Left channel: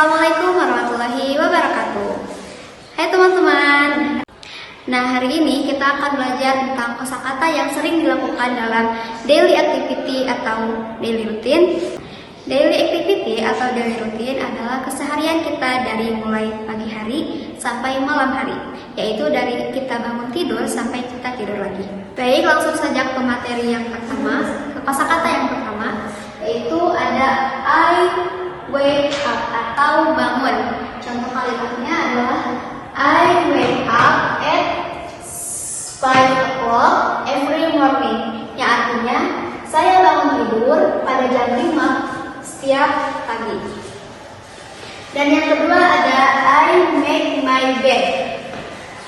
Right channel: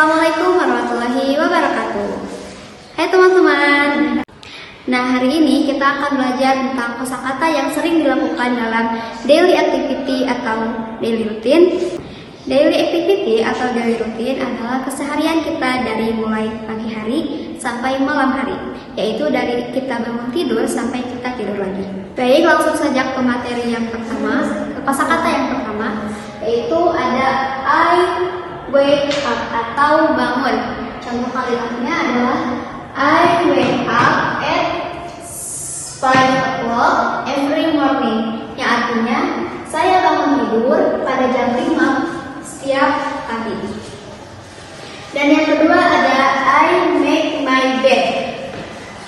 Assalamualaikum warahmatullahi wabarakatuh. Hai teman-teman. Nah, hari ini kita akan belajar tentang kosakata yang sering dilakukan dalam daily activity atau daily routine. Daily activity atau daily routine adalah keseharian kita dari mulai pagi hari sampai malam hari, yaitu dari kita bangun tidur sampai kita tidur lagi. Baik, langsung saja ke materi yang pertama, ke kosakata yang pertama, yaitu ada I wake up atau bangun. Contoh kalimatnya adalah I wake up at 5 o'clock every morning. Yang artinya saya bangun tidur pada jam 5 setiap pagi. Dan yang kedua ada I make my bed,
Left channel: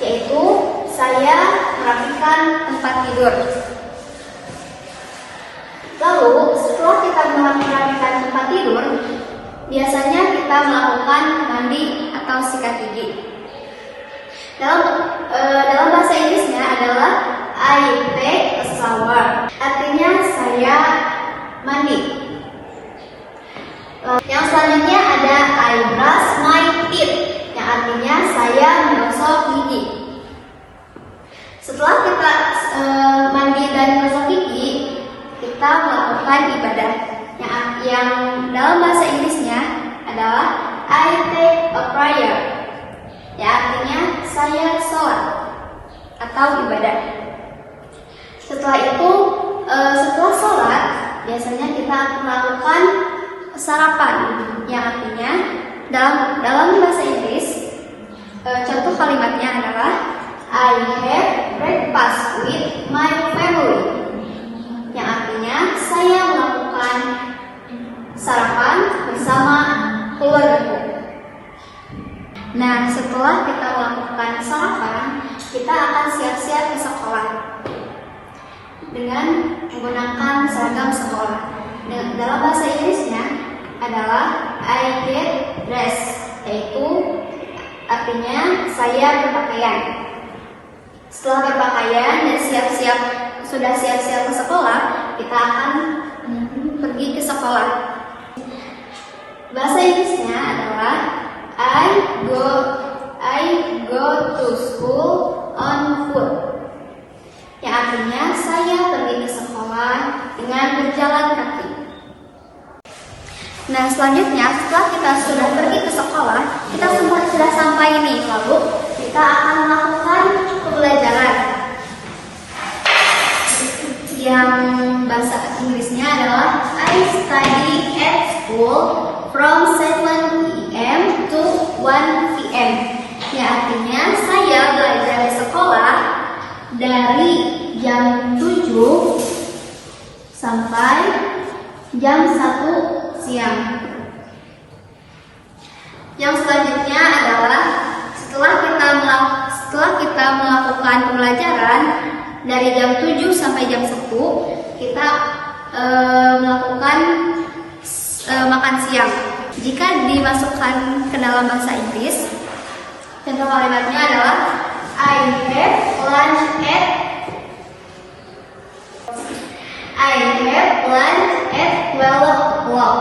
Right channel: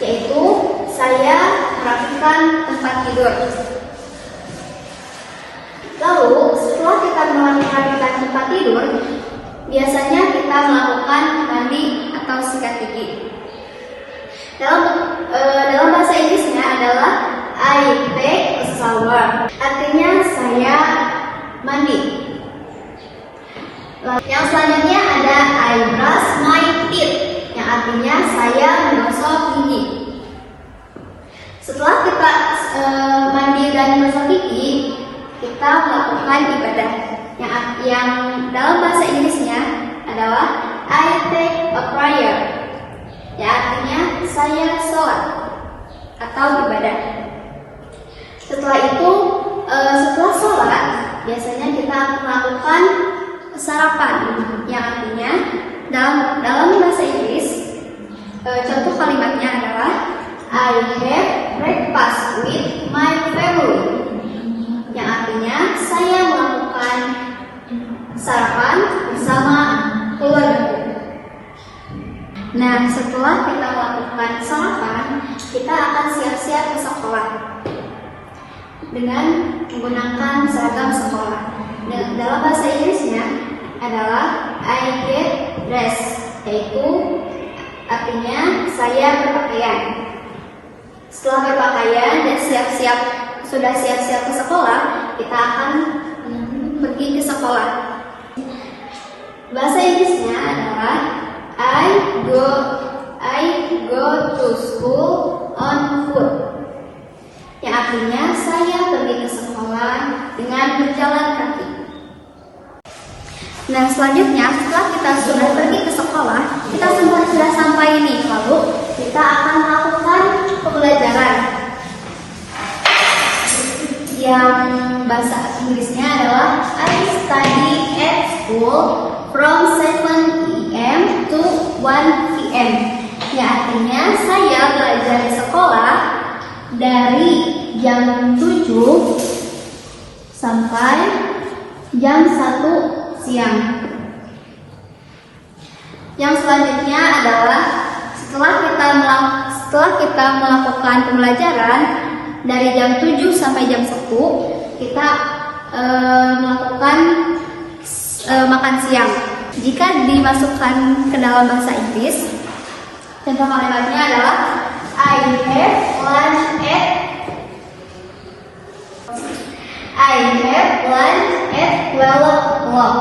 yaitu saya merapikan tempat tidur. Lalu setelah kita merapikan tempat tidur, biasanya kita melakukan mandi atau sikat gigi. Dalam bahasa Inggrisnya adalah I take a shower, artinya saya mandi. Yang selanjutnya ada I brush my teeth, yang artinya saya menggosok gigi. Setelah kita mandi dan menggosok gigi, kita melakukan ibadah yang dalam bahasa Inggrisnya adalah I take a prayer, ya artinya saya sholat atau ibadah. Setelah itu, setelah sholat biasanya kita melakukan sarapan, yang artinya dalam bahasa Inggris contoh kalimatnya adalah I have breakfast with my family, yang artinya saya melakukan sarapan bersama keluargaku. Nah, setelah kita melakukan sarapan, kita akan siap-siap ke sekolah dengan menggunakan seragam sekolah. Dalam bahasa Inggrisnya adalah I get dressed, yaitu artinya saya berpakaian. Setelah berpakaian dan sudah siap-siap ke sekolah, kita akan pergi ke sekolah. Bahasa Inggrisnya adalah I go to school on foot, yang artinya saya pergi ke sekolah dengan berjalan kaki. Nah, selanjutnya setelah kita sudah pergi ke sekolah, kita sudah sampai nih, lalu kita akan melakukan pembelajaran. Yang bahasa Inggrisnya adalah I study at school from 7 AM to 1 PM. Ya artinya saya belajar di sekolah dari jam 7 sampai jam 1 siang. Yang selanjutnya adalah setelah kita melakukan pembelajaran dari jam 7 sampai jam 10, kita melakukan makan siang. Jika dimasukkan ke dalam bahasa Inggris, contoh kalimatnya adalah I have lunch at 12 o'clock.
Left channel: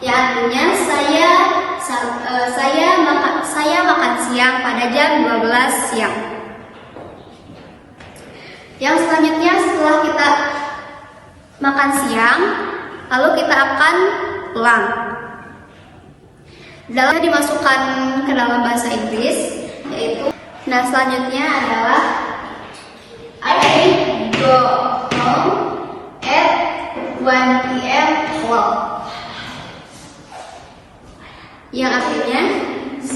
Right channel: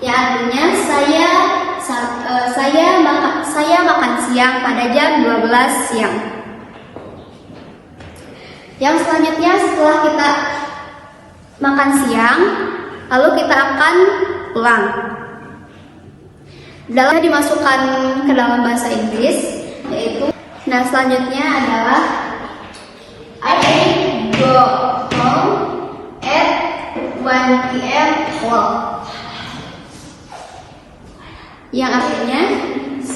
Ya artinya saya makan siang pada jam 12 siang. Yang selanjutnya setelah kita makan siang, lalu kita akan pulang. Dalam dimasukkan ke dalam bahasa Inggris, yaitu selanjutnya adalah I go home at 1 PM o'clock, yang artinya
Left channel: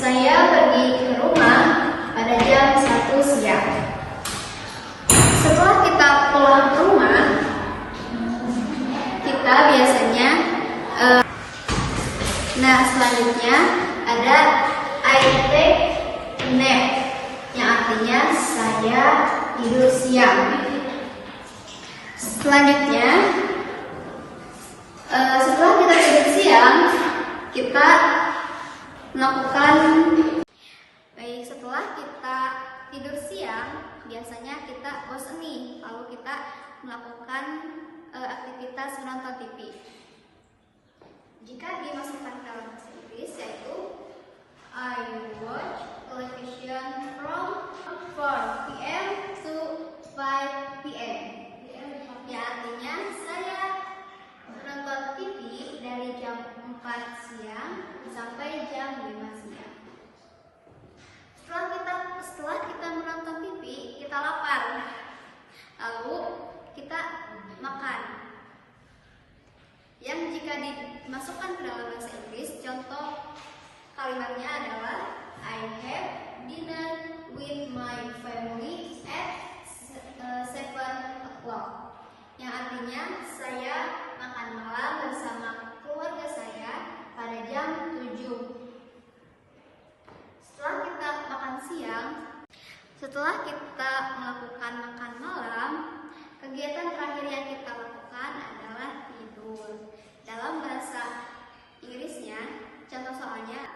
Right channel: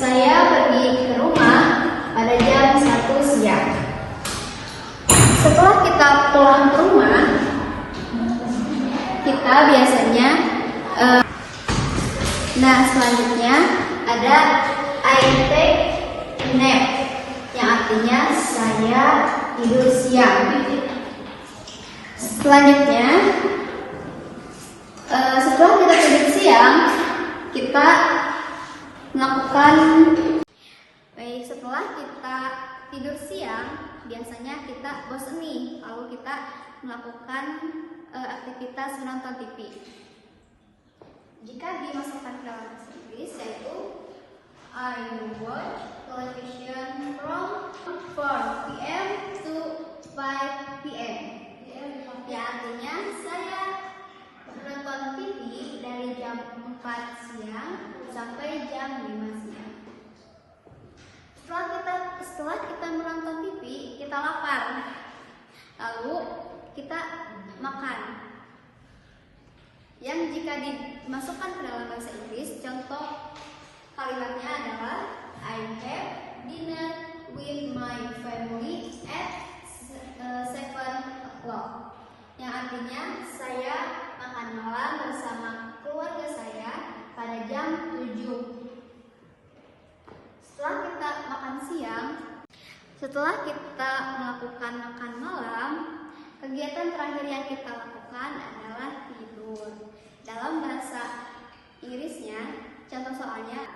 saya pergi ke rumah pada jam 1 siang. Setelah kita pulang ke rumah, kita biasanya selanjutnya ada I take a nap, yang artinya saya tidur siang. Selanjutnya setelah kita tidur siang, kita melakukan setelah kita tidur siang, biasanya kita bosan nih, lalu kita melakukan aktivitas menonton TV. jika dimasukkan ke dalam bahasa Inggris, yaitu I watch television from 4 p.m. to 5 p.m. Ya, artinya saya menonton TV dari jam 4 siang sampai jam 5 siang. Setelah kita menonton TV, kita lapar. Lalu kita makan. Yang jika dimasukkan ke dalam bahasa Inggris, contoh kalimatnya adalah I have dinner with my family at 7 o'clock. Yang artinya saya makan malam bersama keluarga saya pada jam 7. Setelah kita melakukan makan malam, kegiatan terakhir yang kita lakukan adalah tidur. Dalam bahasa Inggrisnya, contoh soalnya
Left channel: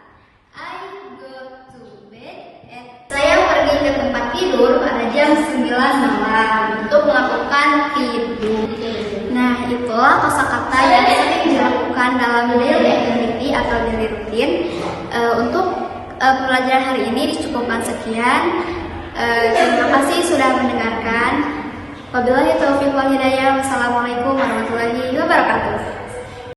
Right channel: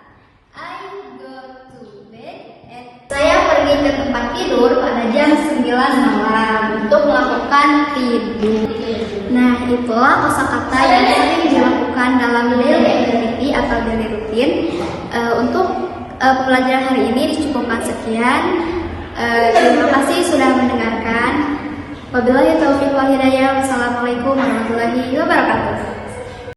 I go to bed at. Saya pergi ke tempat tidur pada jam 9 malam untuk melakukan tidur. Nah, itulah kosakata yang sering dilakukan dalam daily activity atau daily routine. Untuk pembelajaran hari ini dicukupkan sekian. Terima kasih sudah mendengarkan. Wabillahi taufiq wal hidayah. Wassalamualaikum warahmatullahi wabarakatuh.